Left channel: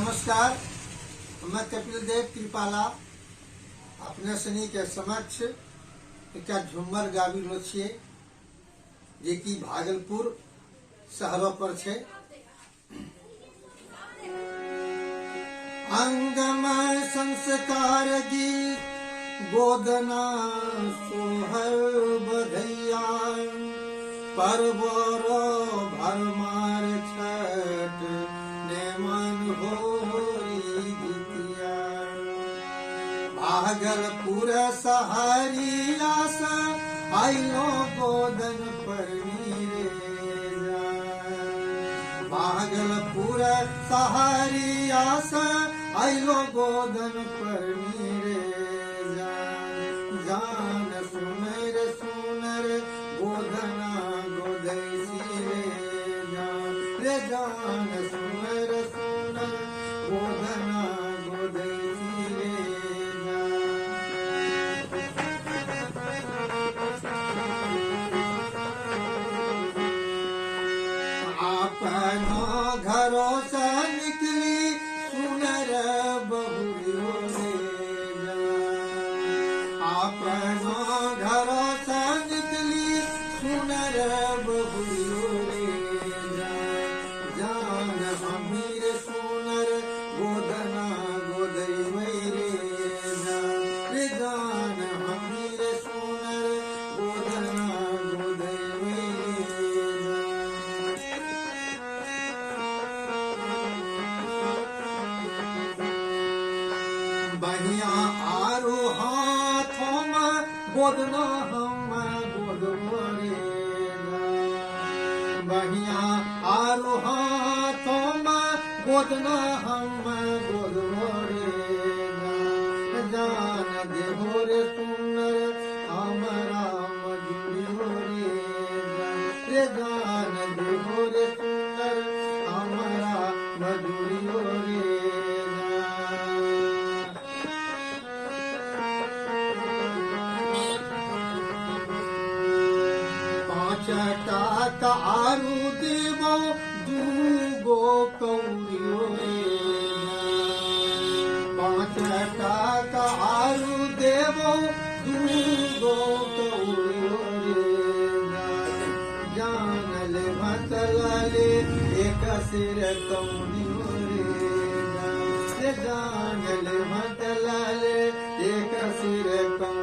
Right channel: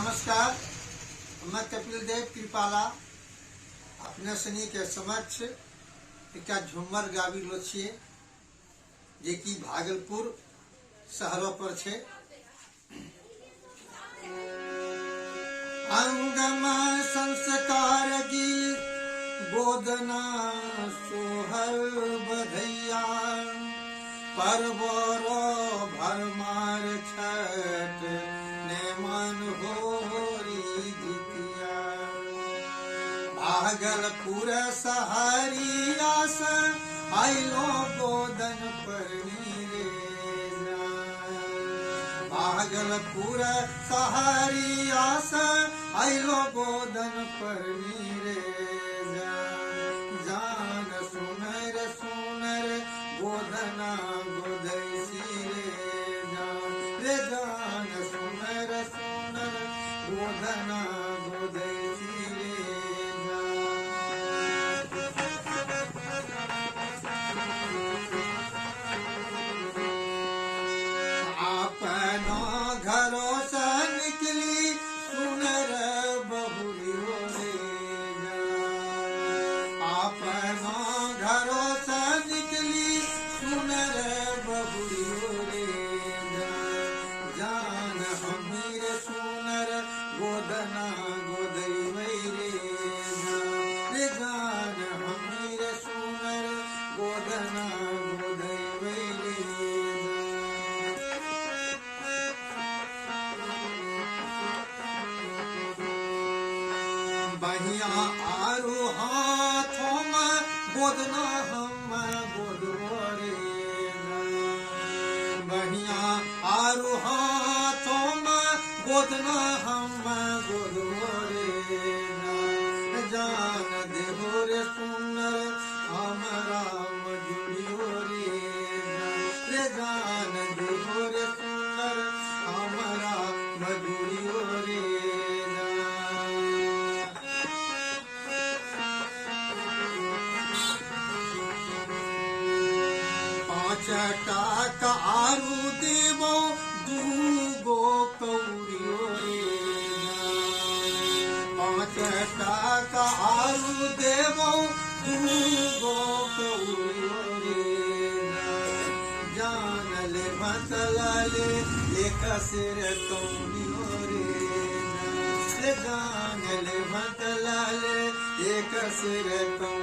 नमस्कार, मैं कपिल देव कृपाला अपने सनी के समक्ष एक झुम्मर गाबी लो छे जे कि भागलपुर शहरों पर छे। अंगम संस्कार गीत गोदना सोहर बधैया परबरो भरमार छठ ने मन होरी जितिया भागलपुर सहारिया सा आइलो गोदन पर मीरे भागलपुर सहारिया सा आइलो गोदन पर मीरे जान सुनर सुनर गोधना गोदैसी रे जान सुनर सुनर गोधना गोदैसी अपनो घरों से निकली सुनर बहुरियो अपनो घरों से निकली सुनर बहुरियो जान अमीर सुनर गोदना गोदै रे जान अमीर सुनर गोदना गोदै बहिया आरो हाथों में गोदना हम गोदवरे बहिया आरो हाथों में गोदना हम गोदवरे जान देहो रे सुनर हमारा मजूरियो रे जान देहो रे सुनर हमारा मजूरियो रे टाका आरु देवो दूगो कौड़ियो पाँच टाका आरु देवो दूगो कौड़ियो जान ले मतलाले एक सिर कौड़ियो रे जान ले मतलाले एक सिर कौड़ियो